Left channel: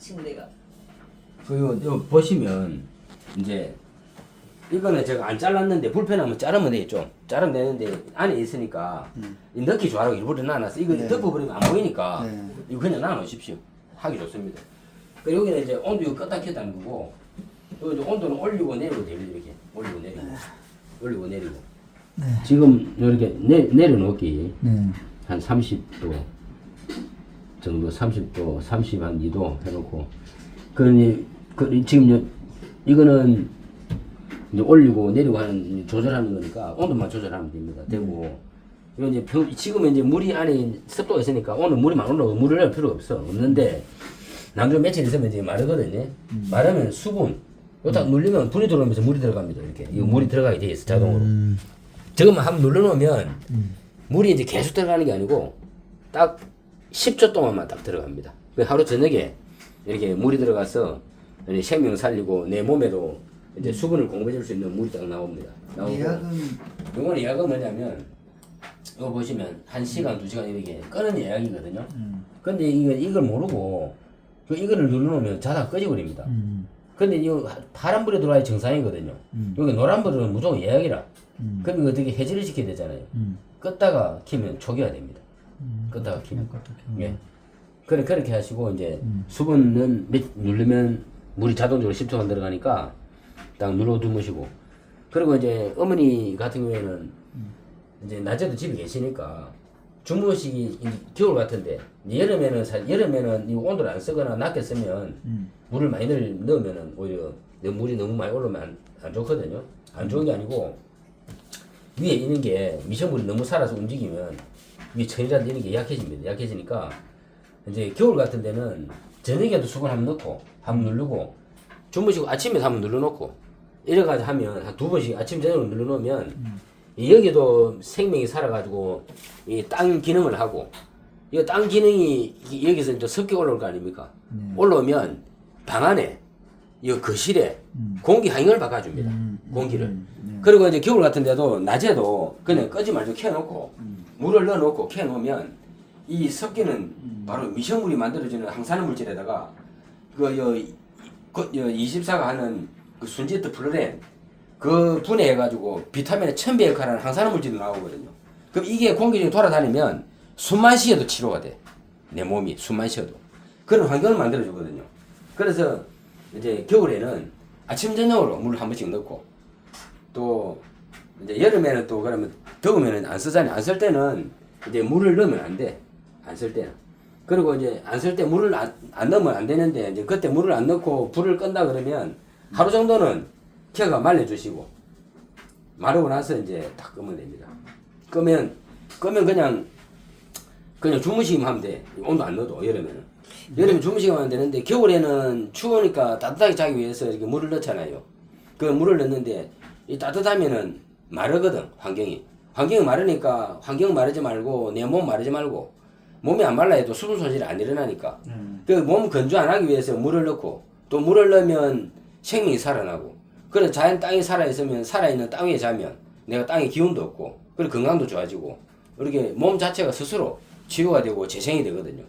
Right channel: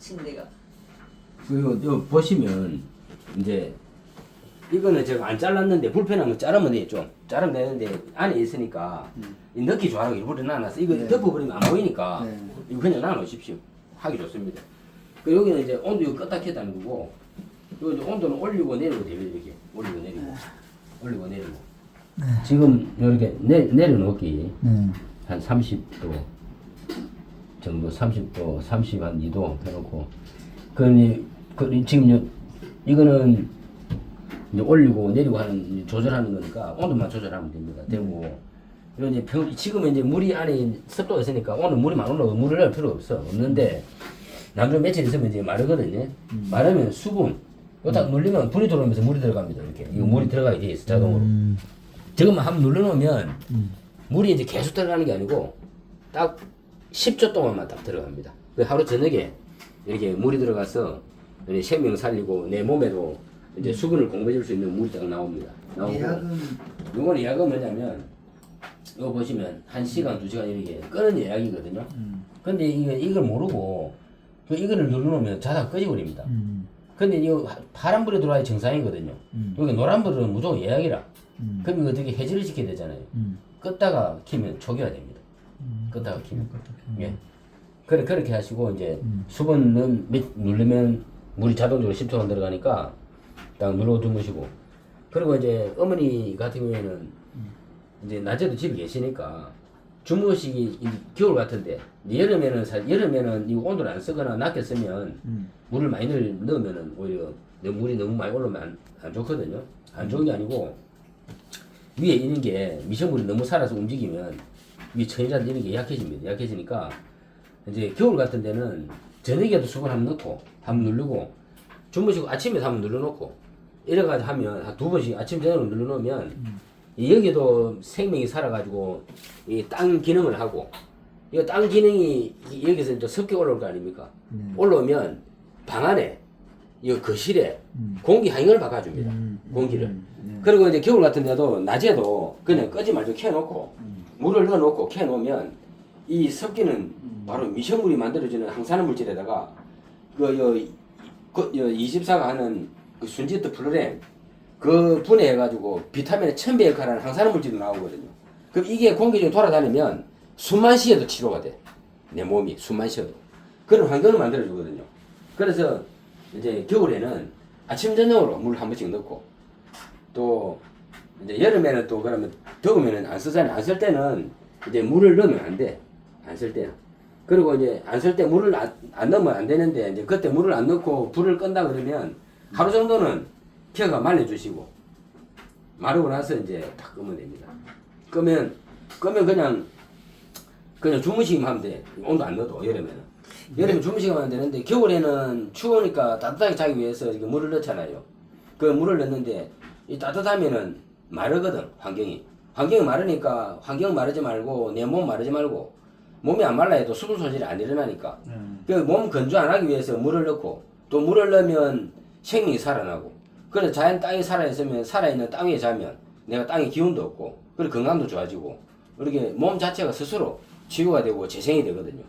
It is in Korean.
침대가. 그리고 요 보시면 이제 이거는 제가 안 잘랐는데 불편하면 자르면 되겠죠. 자르면 되는데 안에 있으니까 이 넣기 좋아라고 일부러 놔놨어. 이거 네. 덮어버리면 안 보이니까 네. 이거 그냥 놔놓으십시오. 하기 좋습니다. 그 여기는 이제 온도 이거 껐다 켰다는 거고 여기 이제 온도는 올리고 내리고 됩니다. 이렇게 올리고 내리고 올리고 내리고 네. 지금 이렇게 내, 내려놓기 네. 한 30도 정도 30도 30 한 2도 해놓고. 그, 그 지금 요, 이거는 이제 올리고 내리고 하는 조절하는 거니까 온도만 조절하면 됩니다. 되고 이거 이제 평, 지금은 이제 물이 안에 습도가 있으니까 오늘 물이 많이 올라오고 물을 넣을 필요 없어. 없는데 나중에 며칠 있으면 이제 마르거든요. 마르면 수분. 요딱 눌리면 불이 들어오면서 물이 들어갑니다 이렇게. 이거 물이 들어가게 돼 있어 자동으로. 음. 지금 한번 눌러놓으면 음. 물이 이제 계속 들어가는 게 아니고 딱 10초 동안만 딱 들어갑니다. 그 하루 저녁에 이렇게 물이 들어가서 이렇게 생명 살리고 내 몸에도 이제 수분을 공급해 줄 수 있는 물이 딱 나옵니다. 나오고 예약은 요거는 예약은 뭐냐면 이거 보시면 1시간, 2시간 이렇게 끄는 예약이거든요. 음. 근데 이거 이걸 모르고 그 이거를 눌러놓으면 자다가 꺼져버립니다. 음. 근데 이 파란불에 들어와야 정상이거든요. 음. 여기 노란 불은 무조건 예약이라. 음. 그럼 이거 어떻게 해지를 시켜야 되잖아요. 음. 껐다가 키면 초기화 됩니다. 음. 껐다가 키면. 음. 예. 그래, 그렇게 하시고, 이제, 음. 수분은 몇, 누르면 물이 자동적으로 10초간 들어가니까, 딱 눌러 두무시고. 그리고 이제, 어머니 같은 경우에는, 이제, 낮에도 집에 계시니까, 주무시기, 이 겨울 같은데, 여름에는, 사, 여름에는 이 온도를 안 쓰거나 낮게 쓰면, 음. 물을 많이 들- 넣으면은, 오히려, 내 물이 너무 많이 올라오면 안, 안 좋거든요. 안 좋은 게 아니고, 위에 있는 게 미생물이 너무 살아서 움직이면 위에 천이라든지 이런 게 약해집니다. 약해지니까 이제 겨울 같은 데는 저녁에도 수건 한번 넣고 한번 누르고 주무시고 아침에 한번 눌러놓고 이래가지고 하면 한 두 번씩 아침 저녁으로 눌러놓으면 이 여기도 생명이 살아가지고 이 땅 기능을 하고 이 땅 기능이 이- 여기서 이제 섞여 올라올 거 아닙니까? 네. 올라오면 방 안에 이 거실에 음. 공기 환경을 바꿔줍니다. 음. 공기를. 음. 네. 그리고 이제 겨울 같은 데도 낮에도 그냥 끄지 말고 켜놓고 음. 물을 넣어놓고 켜놓으면 이 섞이는 음. 바로 미생물이 만들어지는 항산화 물질에다가 그요 그, 요 24가 하는 그 순지트 플로렌 그 분해해가지고 비타민의 천배 역할을 하는 항산화 물질이 나오거든요. 그럼 이게 공기 중에 돌아다니면 숨만 쉬어도 치료가 돼. 내 몸이 숨만 쉬어도. 그런 환경을 만들어주거든요. 그래서 이제 겨울에는 아침 저녁으로 물 한 번씩 넣고 또 이제 여름에는 또 그러면 더우면은 안 쓰잖아요. 안 쓸 때는 이제 물을 넣으면 안 돼. 안 쓸 때는. 그리고 이제 안 쓸 때 물을 안, 안 넣으면 안 되는데 이제 그때 물을 안 넣고 불을 끈다 그러면 하루 정도는 켜가 말려주시고 마르고 나서 이제 딱 끄면 됩니다. 끄면 끄면 그냥 그냥 주무시기만 하면 돼. 온도 안 넣어도 여름에는. 여름에 주무시기만 하면 되는데 겨울에는 추우니까 따뜻하게 자기 위해서 이렇게 물을 넣잖아요. 그 물을 넣는데 이 따뜻하면은 마르거든 환경이. 환경이 마르니까 환경 마르지 말고 내 몸 마르지 말고 몸이 안 말라 해도 수분 소실이 안 일어나니까 음. 그몸 건조 안 하기 위해서 물을 넣고 또 물을 넣으면 생명이 살아나고 그래서 자연 땅이 살아있으면 살아있는 땅 위에 자면 내가 땅에 기운도 없고 그리고 건강도 좋아지고 이렇게 몸 자체가 스스로 치유가 되고 재생이 되거든요.